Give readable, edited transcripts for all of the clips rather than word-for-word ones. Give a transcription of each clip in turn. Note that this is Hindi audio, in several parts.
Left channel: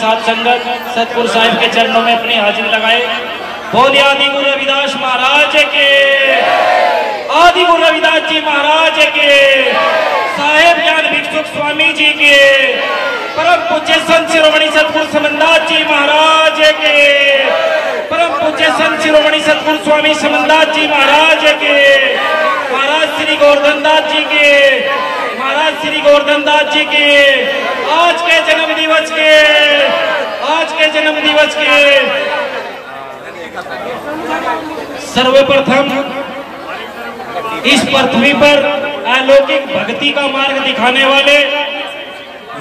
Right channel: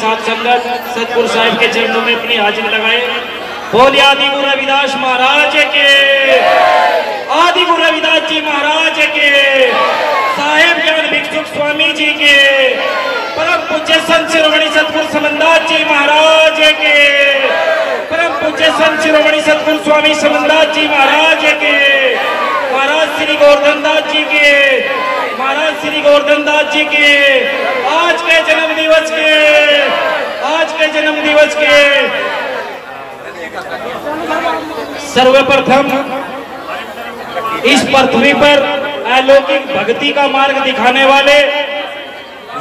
साथ संगत सतगुरु साहब के चरणों में अपनी हाजिरी लगाए। बोलिए आदि गुरु रविदास महाराज के, आदि गुरु रविदास जी महाराज के, साहेब ज्ञान भिक्षुक स्वामी जी के, परम पूज्य संत शिरोमणि सतगुरु समनदास जी महाराज के, परम पूज्य संत शिरोमणि सतगुरु स्वामी समनदास जी महाराज के, महाराज श्री गोवर्धन दास जी के, महाराज श्री गोवर्धन दास जी के आज के जन्म दिवस के, आज के जन्म दिवस के सर्वप्रथम इस पृथ्वी पर अलौकिक भक्ति का मार्ग दिखाने वाले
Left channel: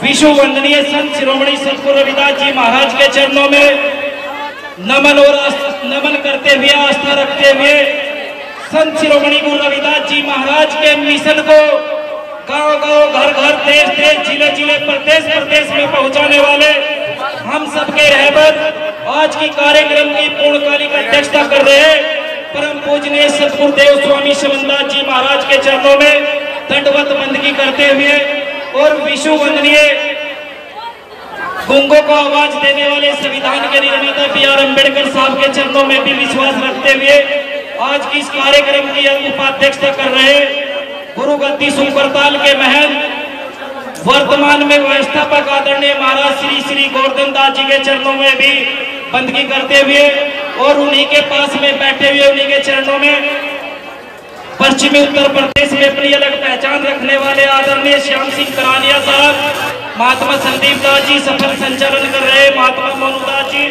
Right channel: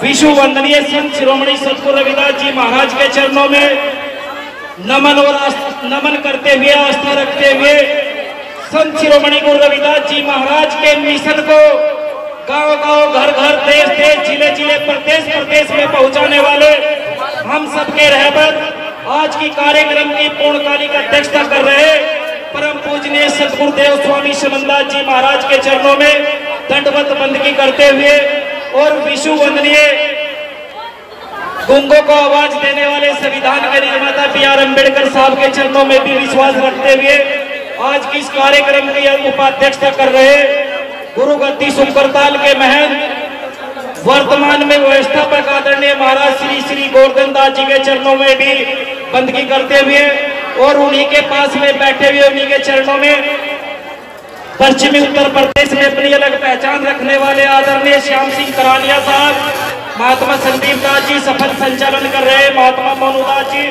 विश्व वंदनीय संत शिरोमणि सतगुरु रविदास जी महाराज के चरणों में नमन करते हुए, आस्था रखते हुए संत शिरोमणि गुरु रविदास जी महाराज के मिशन को गांव-गांव, घर-घर, देश-देश, जिले-जिले, प्रदेश में पहुंचाने वाले हम सबके रहबर आज की कार्यक्रम की पूर्णकालिक अध्यक्षता कर रहे परम पूजनीय सतगुरुदेव स्वामी समनदास जी महाराज के चरणों में दंडवत बंदगी करते हुए और विश्व वंदनीय गूंगों को आवाज देने वाले संविधान के निर्माता B.R. अम्बेडकर साहब के चरणों में भी विश्वास रखते हुए आज की इस कार्यक्रम की उपाध्यक्षता कर रहे गुरु गद्दी सुकरताल के महंत वर्तमान में व्यवस्थापक आदरणीय महाराज श्री गोवर्धन दास जी के चरणों में भी बंदगी करते हुए और उन्हीं के पास में बैठे हुए उन्हीं के चरणों में पश्चिमी उत्तर प्रदेश में अपनी अलग पहचान रखने वाले आदरणीय श्याम सिंह करानिया साहब, महात्मा संदीप दास जी सफल संचालन कर रहे महात्मा मोनूदास जी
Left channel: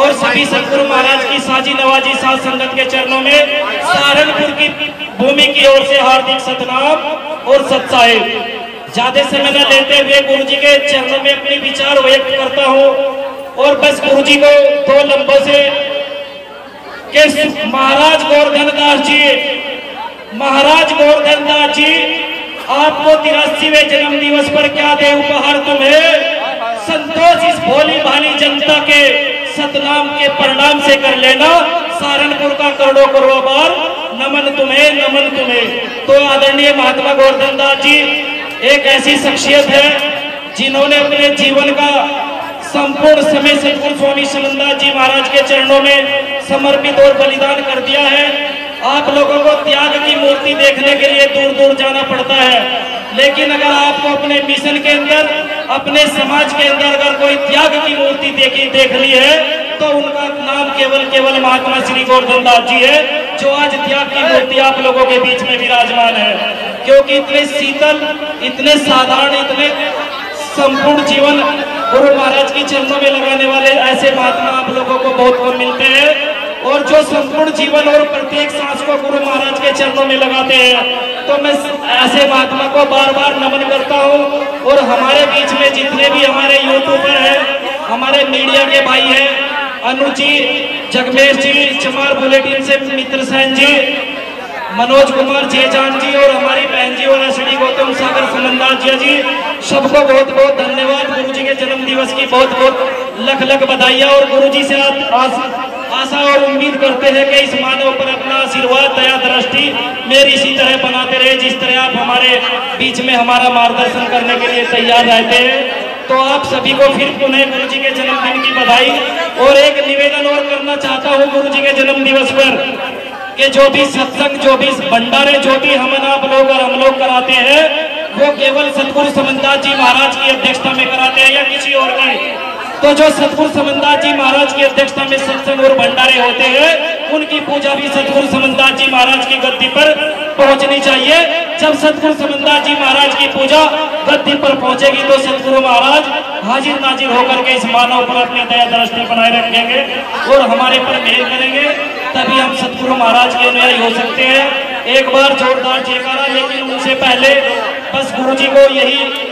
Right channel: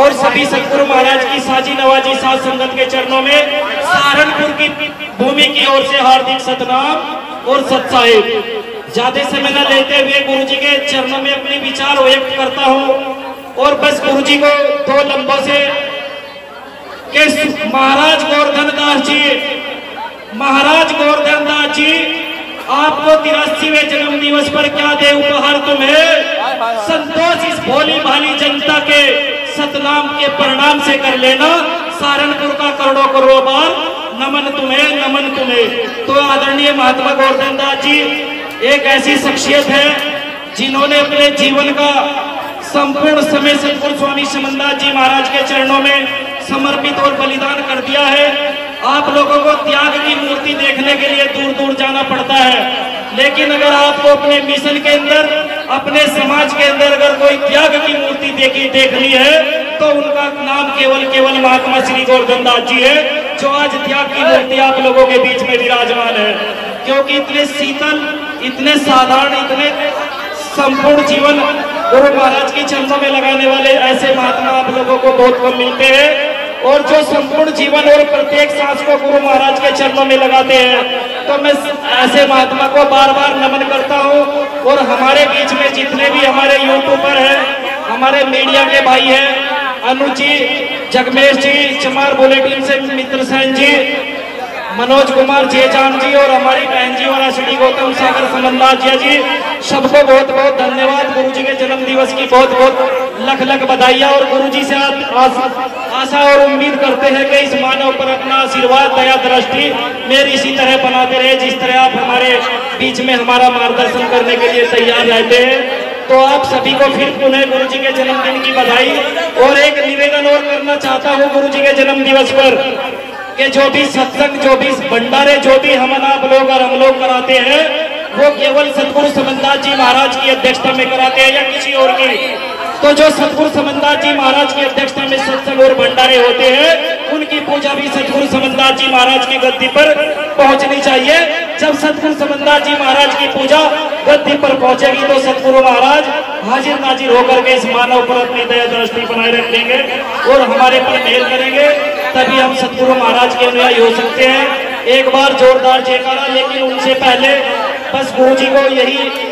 और सभी सतगुरु महाराज की साजी नवाजी साथ संगत के चरणों में सहारनपुर की भूमि की ओर से हार्दिक सतनाम और सत्साहिब। ज्यादा समय न लेते हुए गुरु जी के चरणों में अपने विचार व्यक्त करता हूँ और बस गुरु जी को दो लम्बों से कि महाराज गोवर्धन दास जी, महाराज गोवर्धन दास जी आपको 83वें जन्म दिवस पर क्या दे उपहार तुम्हें, संतोष इस भोली भाली जनता के सतनाम के परिणाम से कर लेना, सहारनपुर का करोड़ों करोड़ों बार नमन तुम्हें, नमन तुम्हें। तो आदरणीय महात्मा गोवर्धन दास जी एक ऐसी शख्सियत है जिन्होंने अपने जीवन का संपूर्ण समय सतगुरु स्वामी समनदास जी महाराज के चरणों में समर्पित और बलिदान कर दिया है। आप लोगों को त्याग की मूर्ति देखने के लिए दूर दूर जाना पड़ता है, लेकिन अगर आपको अपने मिशन के अंदर, अपने समाज के अंदर अगर कोई त्याग की मूर्ति देखनी है तो उनका नाम केवल महात्मा श्री गोवर्धन दास जी है, जो आज त्याग की मूर्ति आप लोगों के बीच में विराजमान है। क्योंकि इतने शीतल, इतने साधारण, इतने संपूर्ण जीवन गुरु महाराज के चरणों में लगाने वाले ऐसे महात्मा आप लोगों को बहुत कम मिलते हैं, और जो संपूर्ण जीवन और प्रत्येक सांस को गुरु महाराज के चरणों में लगाते हैं। तो मैं ऐसे महात्मा को बार बार नमन करता हूँ। और हमारे बीच में जितने भी हमारे यूट्यूबर हैं, हमारे मीडिया के भाई हैं, अनु जी, जगमेश जी, चमार बुलेटिन से मित्र सेन जी, मनोज कुमार जयजान जी और हमारी बहन जी और श्री गौतम सागर समनदास जी, सबको बहुत बहुत धन्यवाद। गुरु जी के जन्म दिवस की बहुत बहुत लख लख बधाइयाँ। और गुरु जी से आशा और उम्मीद करते हैं कि इस मानव पर अपना आशीर्वाद, दया दृष्टि मेरी इसी तरह बनाते रहे, जिस तरह आप हमारे बीच में हमारा मार्गदर्शन करने के लिए तैयार रहते हैं। तो आप सभी को फिर पुनः गुरु जी के जन्मदिन की बधाई। और एक निवेदन और करना चाहता हूँ गुरु जी के जन्म दिवस पर कि जो भी सत्संग, जो भी भंडारे, जो भी हम आप लोग और हम लोग कराते हैं, वो केवल सतगुरु समनदास जी महाराज की अध्यक्षता में कराते हैं या किसी और की। तो जो सतगुरु समनदास जी महाराज की अध्यक्षता में सत्संग और भंडारे होते हैं, उनकी पूजा भी सतगुरु समनदास जी महाराज की गद्दी पर पहुंचनी चाहिए। जब सतगुरु समनदास जी महाराज की पूजा गद्दी पर पहुंचेगी तो सतगुरु महाराज हाजिर नाजिर होकर के इस मानव पर अपनी दया दृष्टि बनाए रखेंगे और हमारे पर मेल करेंगे, तभी हम सतगुरु महाराज के अनुयायी हो सकते हैं। एक बार जोरदार जयकारा। लेकिन उनसे पहले बस गुरु जी को यही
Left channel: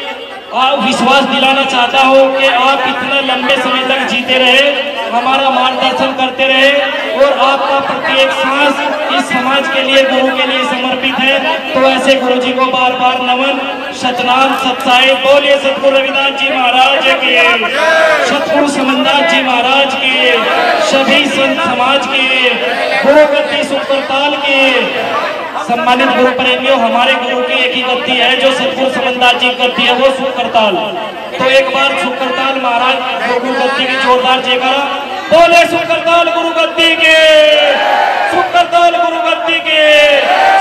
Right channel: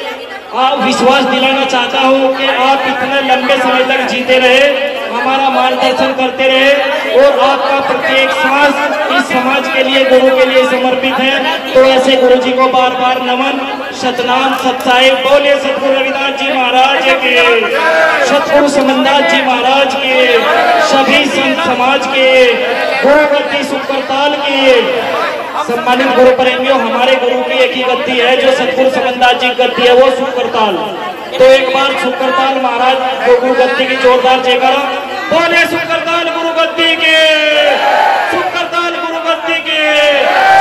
विश्वास दिलाना चाहता हूँ कि आप इतने लंबे समय तक जीते रहे, हमारा मार्गदर्शन करते रहे और आपका प्रत्येक सांस इस समाज के लिए, गुरु के लिए समर्पित है। तो ऐसे गुरु जी को बार बार नमन, सतनाम, सत्साहिब। बोलिए सतगुरु रविदास जी महाराज के, सतगुरु समनदास जी महाराज के, सभी संत समाज के, गुरु गद्दी सुकरताल की। सम्मानित गुरु प्रेमियों, हमारे गुरु की एक ही गद्दी है जो सतगुरु समनदास जी गद्दी है, वो सुकरताल। तो एक बार सुकरताल महाराज गुरु गद्दी गद्दी की जोरदार जयकारा। बोले सुकरताल गुरु गद्दी के, सुकरताल गुरु गद्दी के,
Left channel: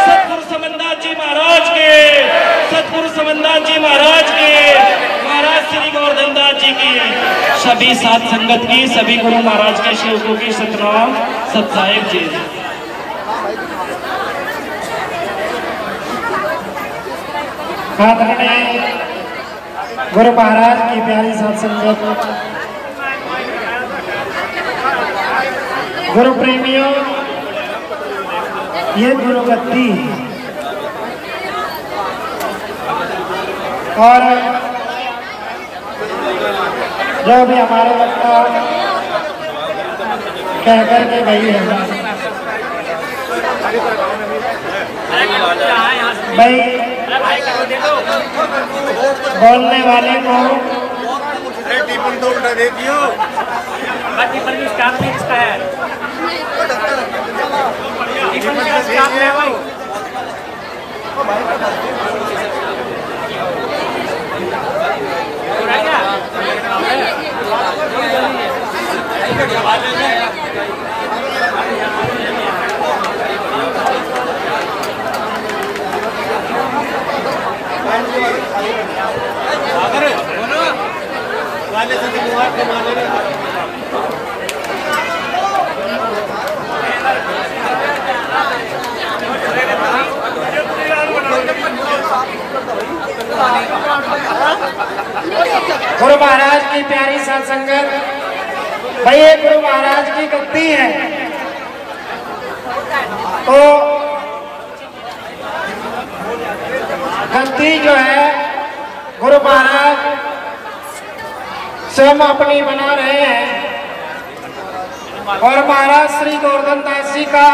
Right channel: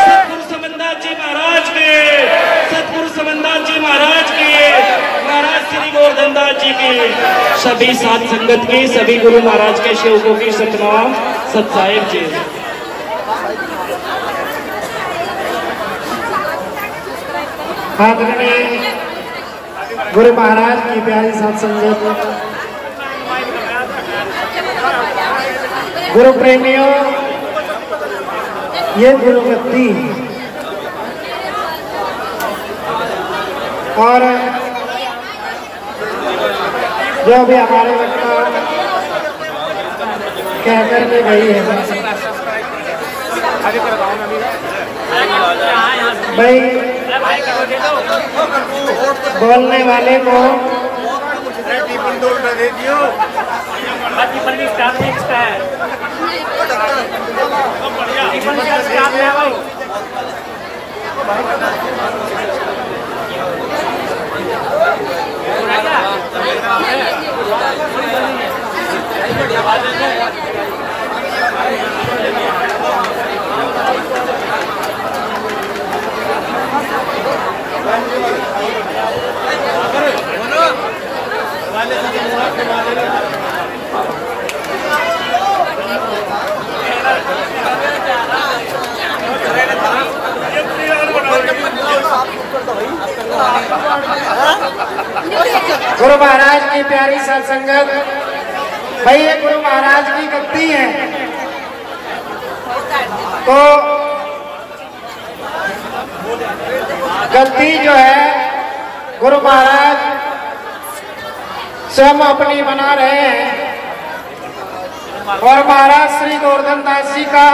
सतगुरु समनदास जी महाराज के, सतगुरु समनदास जी महाराज के, महाराज श्री गोवर्धन दास जी के, सभी साथ संगत की, सभी गुरु महाराज के सेवकों की सतनाम सत्साहिब जी। गुरु महाराज की प्यारी सत्संगत, गुरु प्रेमियों, ये गुरु गद्दी और जो भी हमारे वक्ता कह करके गई है भाई, बोलने वाले को गुरु महाराज की प्यारी सत्संगत, भाई ये गुरु महाराज की गद्दी है, तो गद्दी जो है गुरु महाराज स्वयं अपनी बना रहे हैं और महाराज श्री गोवर्धन दास जी का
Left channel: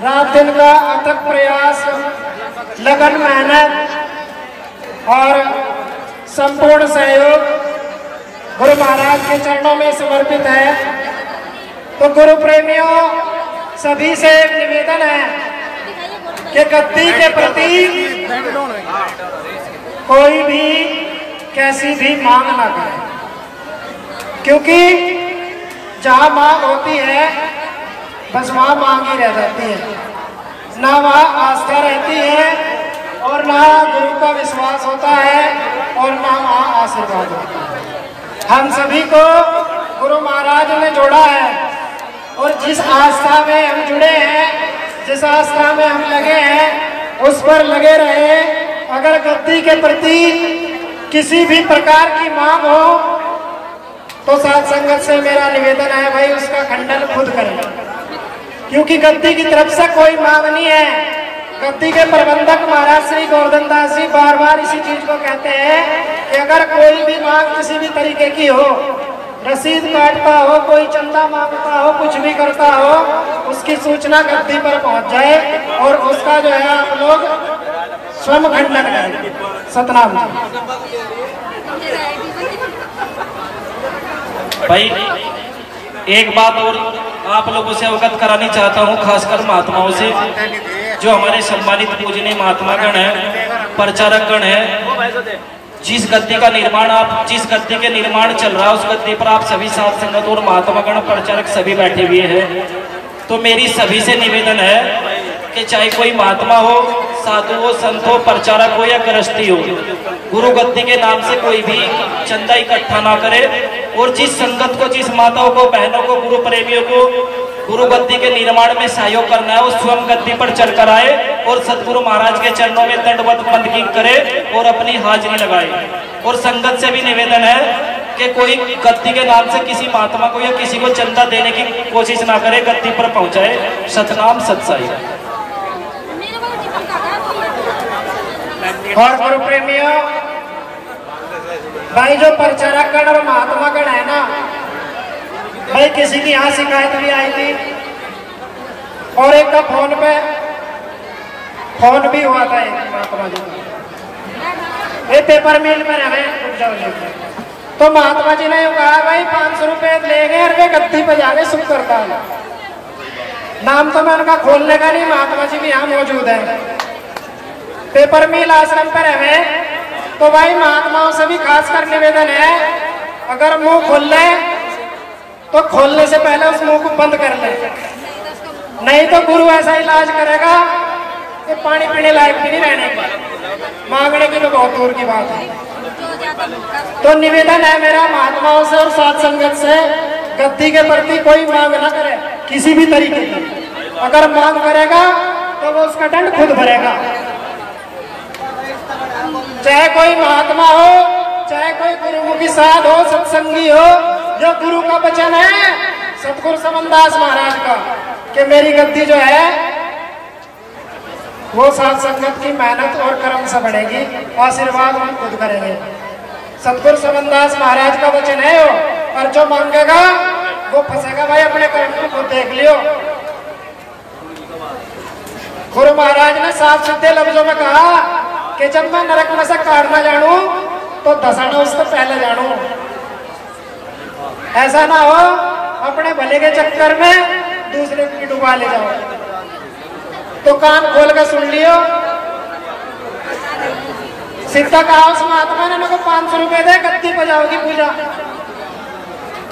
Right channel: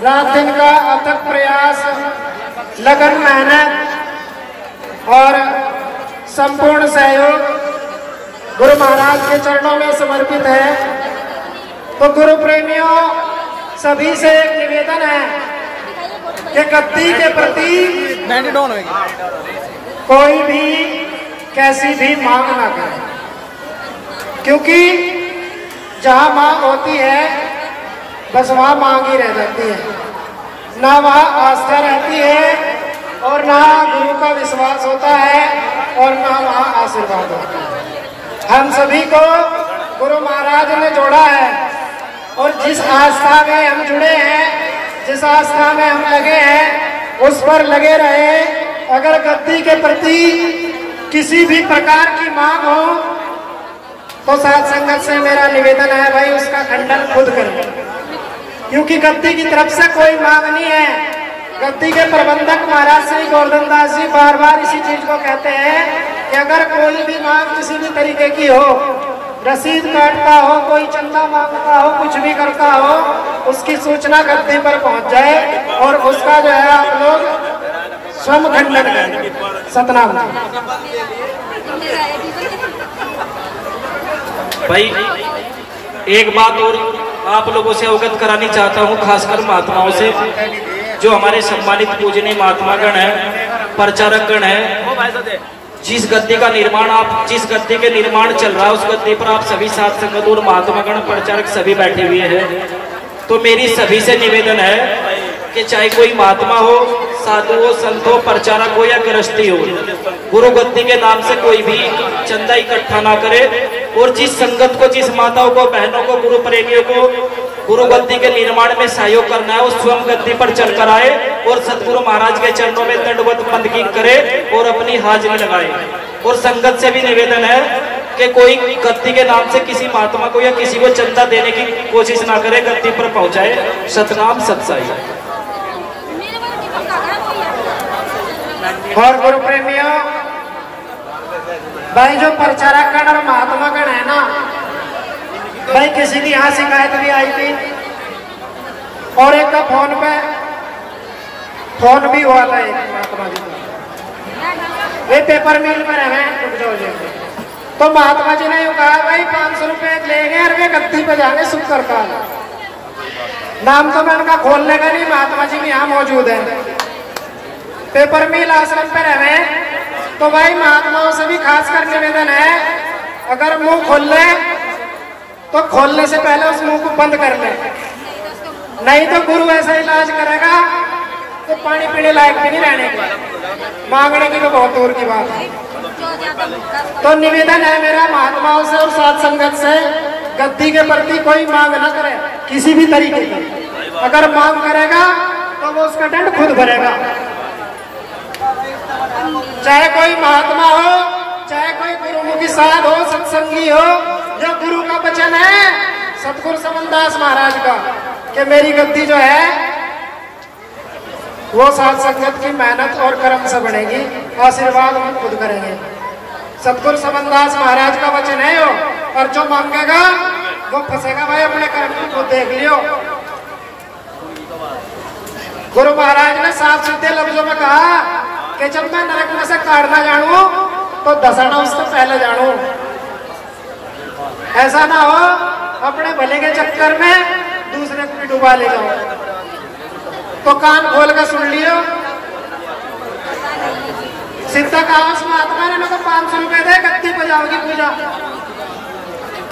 रात दिन का अथक प्रयास, लगन मेहनत और संपूर्ण सहयोग गुरु महाराज के चरणों में समर्पित है। तो गुरु प्रेमियों, सभी से निवेदन है कि गद्दी के प्रति कोई भी कैसी भी मांग ना करे, क्योंकि जहां मांग होती है बस वहां मांग ही रह जाती है, ना वहां आस्था रहती है और ना गुरु का विश्वास होता है और ना वहां आशीर्वाद होता है। हम सभी को गुरु महाराज ने जोड़ा है और जिस आस्था में हम जुड़े हैं, जिस आस्था में हम लगे हैं, उस पर लगे रहे। अगर गद्दी के प्रति किसी भी प्रकार की मांग हो तो साथ संगत से मेरा निवेदन है भाई उसका खंडन खुद करें, क्योंकि गद्दी की तरफ से कोई मांग नहीं है। गद्दी के प्रबंधक महाराज श्री गोवर्धन दास जी बार बार इसी चीज को कहते हैं कि अगर कोई भी मांग किसी भी तरीके की हो, रसीद काटता हो, कोई चंदा मांगता हो, कुछ भी करता हो, उसकी सूचना गद्दी पर पहुंच जाए और उसका जो है आप लोग स्वयं खंडन करें। सतनाम। भाई एक बात और आप लोगों से अवगत करानी चाहता हूँ, खासकर महात्माओं से, जो हमारे सम्मानित पूजनीय महात्मा गण है, प्रचारक गण है। जिस गद्दी का निर्माण जिस गद्दी के निर्माण चल रहा है, उस गद्दी पर आप सभी साथ संगत और महात्मा गण प्रचारक सभी बैठे हुए हैं। तो मेरी सभी से निवेदन है कि चाहे कोई महात्मा हो, साधु हो, संत हो, प्रचारक हो या गृहस्थी हो, गुरु गद्दी के नाम से कोई भी चंदा इकट्ठा ना करे और जिस संगत को, जिस माताओं को, बहनों को, गुरु प्रेमियों को गुरु गद्दी के निर्माण में सहयोग करना है, उस स्वयं गद्दी पर चलकर आए और सतगुरु महाराज के चरणों में दंडवत बंदगी करे और अपनी हाजिरी लगाए। और संगत से भी निवेदन है कि कोई गद्दी के नाम से किसी महात्मा को या किसी को चंदा देने की कोशिश ना करे, गद्दी पर पहुंचाए। सतनाम सत्साई। और गुरु प्रेमियों, भाई जो प्रचारक गण और महात्मा गण है ना, भाई किसी की यहाँ शिकायत भी आई थी और एक का फोन भी हुआ था। एक महात्मा जी वे पेपर मिल में रह गए, तो महात्मा जी ने कहा भाई 500 रुपए लेंगे और वे गद्दी पे जाके सुख करता है। नाम तो मैं उनका खोलने का नहीं, महात्मा जी भी यहाँ मौजूद है। पेपर मिल आश्रम पर रहे, तो भाई महात्माओं से भी खासकर निवेदन है अगर मुंह खोल ले तो खोलने से पहले उस मुंह को बंद कर ले, नहीं तो गुरु ऐसा इलाज करेगा कि पानी पीने लायक भी नहीं रहने का, मांगने की तो बहुत दूर की बात है। तो निवेदन है मेरा महात्माओं से और साथ संगत से, गद्दी के प्रति कोई मांग न करे किसी भी तरीके की। अगर मांग करेगा तो वो उसका दंड खुद भरेगा। चाहे कोई महात्मा हो, चाहे कोई गुरुमुखी साध हो, सत्संगी हो, जो गुरु का वचन है सतगुरु समनदास महाराज का कि मेरी गद्दी जो है वो साथ संगत की मेहनत और कर्म से बढ़ेगी, आशीर्वाद हम खुद करेंगे। सतगुरु समनदास महाराज का वचन है वो, और जो मांगेगा वो फंसेगा भाई, अपने कर्म को खुद देख लियो। गुरु महाराज ने साफ सीधे लफ्जों में कहा कि जब मैं नरक में से काटना जानू तो धसना उससे पहले जानू। ऐसा ना हो अपने भले के चक्कर में दूसरे को डुबा ले जाओ। तो कान खोल कर सुन लियो। सीधा कहा उस महात्मा ने, मेरे को 500 रुपए दे, गद्दी बजाओगी पूजा।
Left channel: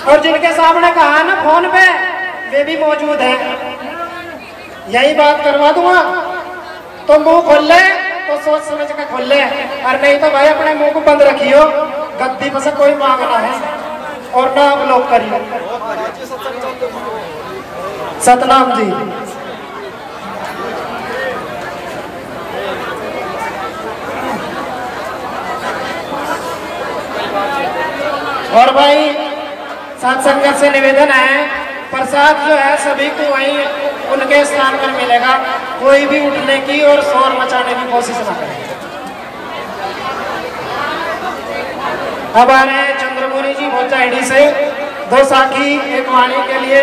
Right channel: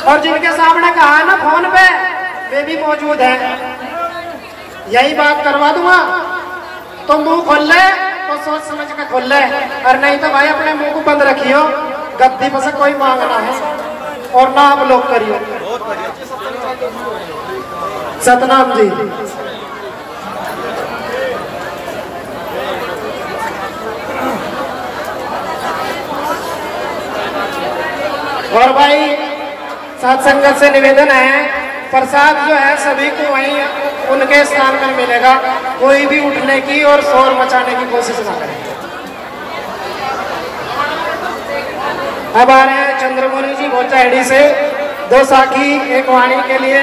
और जिनके सामने कहा ना फोन पे, वे भी मौजूद है, यही बात करवा दूंगा। तो मुंह खोल ले तो सोच समझ कर खोल ले, और नहीं तो भाई अपने मुंह को बंद रखियो, गद्दी में से कोई मांगना है और ना आप लोग करिए। सतनाम जी। और भाई साथ संगत से निवेदन है, प्रसाद जो है सभी को वहीं उनके स्थान में मिलेगा, कोई भी उठने की और शोर मचाने की कोशिश न करे। हमारे चंद्रमुनि जी बोचाईडी से 2 साखी एक वाणी के लिए